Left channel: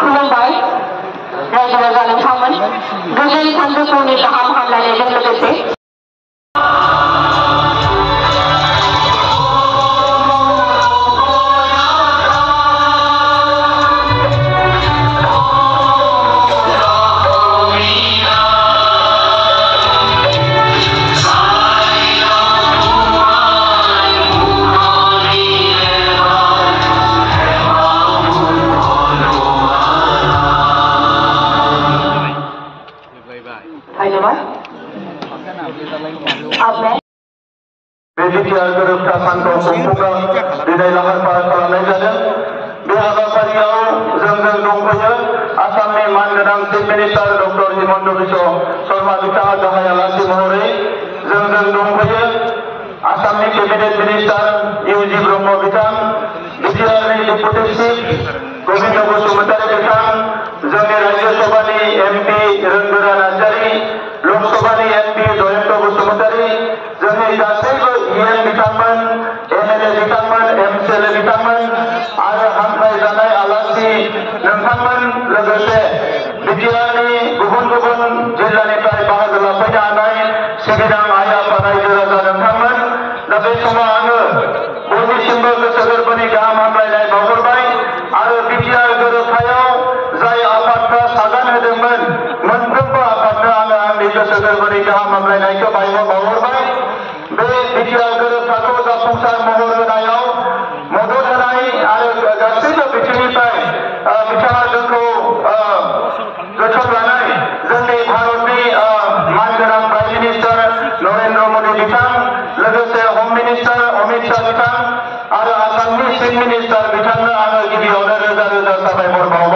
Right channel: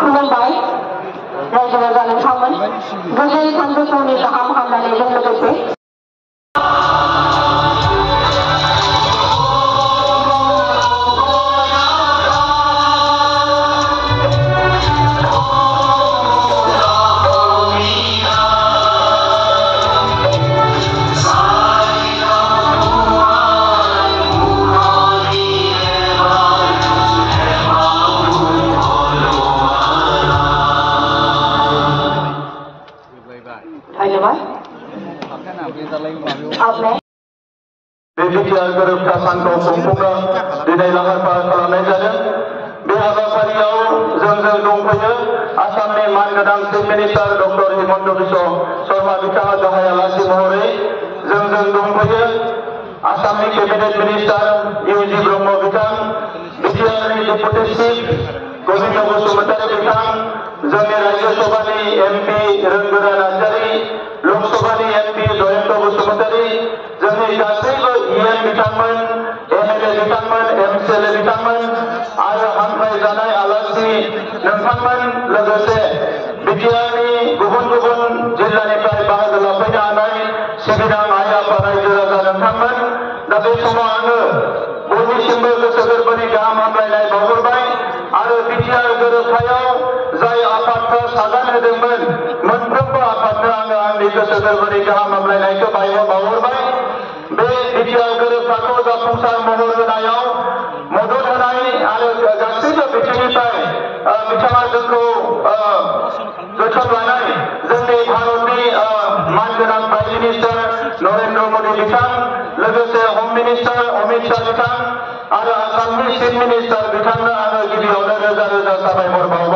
खुलुमबाय रायजो राजा नोंथांमोन गोजोन सानजौफुनि गाहाम हामलायनायजों लोगोसे BPTR गोरोबथा सानखौ खुंफुंनो दिनै लाहार फाहार खालामनाय जादों। बे हाबाफारियाव जोंजों दंफायो आसामनि मानगोनां chief minister doctor Himanta Biswa Sharma बिथाङा गाहाय आलासि महरै जोंजों दंफायो आसामनि केबिनेट मिनिस्टार इउजि ब्रह्म बिथां, बिटिआरनि डेपुटि चिफ गोविन्द बसुमतारी बिथां, जोंनि राज्य सभानि एमपि रोंगोरा नार्जारी, लोकसभानि एमपि जयन्त बसुमतारी, जोंनि गासैबो इएम बिथांमोन, एमएलए बिथांमोन, एमसिएलए बिथांमोन आरो हांख्रायजानाय आलासि नोंथांमोन लोगोसे बिटिआरनि गुबुन गुबुन जिल्लानिफ्राय बाहागो लाफैनो हानाय सिबिनां आइ आफा रायजो राजा नोंथांमोन। दा बे समाव आङो बयनिसिमबो गोसो गोरबोनि गाहाम हामलायनाय बावहरबाय आरो बिटिआर गोरोबथायाव जाय आफादफ्रा सागान होदोंमोन मोनफ्रोमबो आफादनो आङो आंनि गोसो गोरबोनि गाहाम हामलायनायखौ बावहरबाय। बे बिटिआर गोरोबथाखौ जाफुंसार महर होनायाव मदद होनाय आरो गासैबो बिथिंनिफ्राय बिथाङा जोंखौ जोथोन लानाय जोंनि भारतनि मानगोनां प्राइम मिनिस्टार नरेन्द्र मोदी बिथां, लोगोसे हम मिनिस्टार अमित शाह बिथां आरो आसामनि चिफ मिनिस्टार बिथांनो आङो गिबियावनो रोजा रोजा साबायखर बावहरो।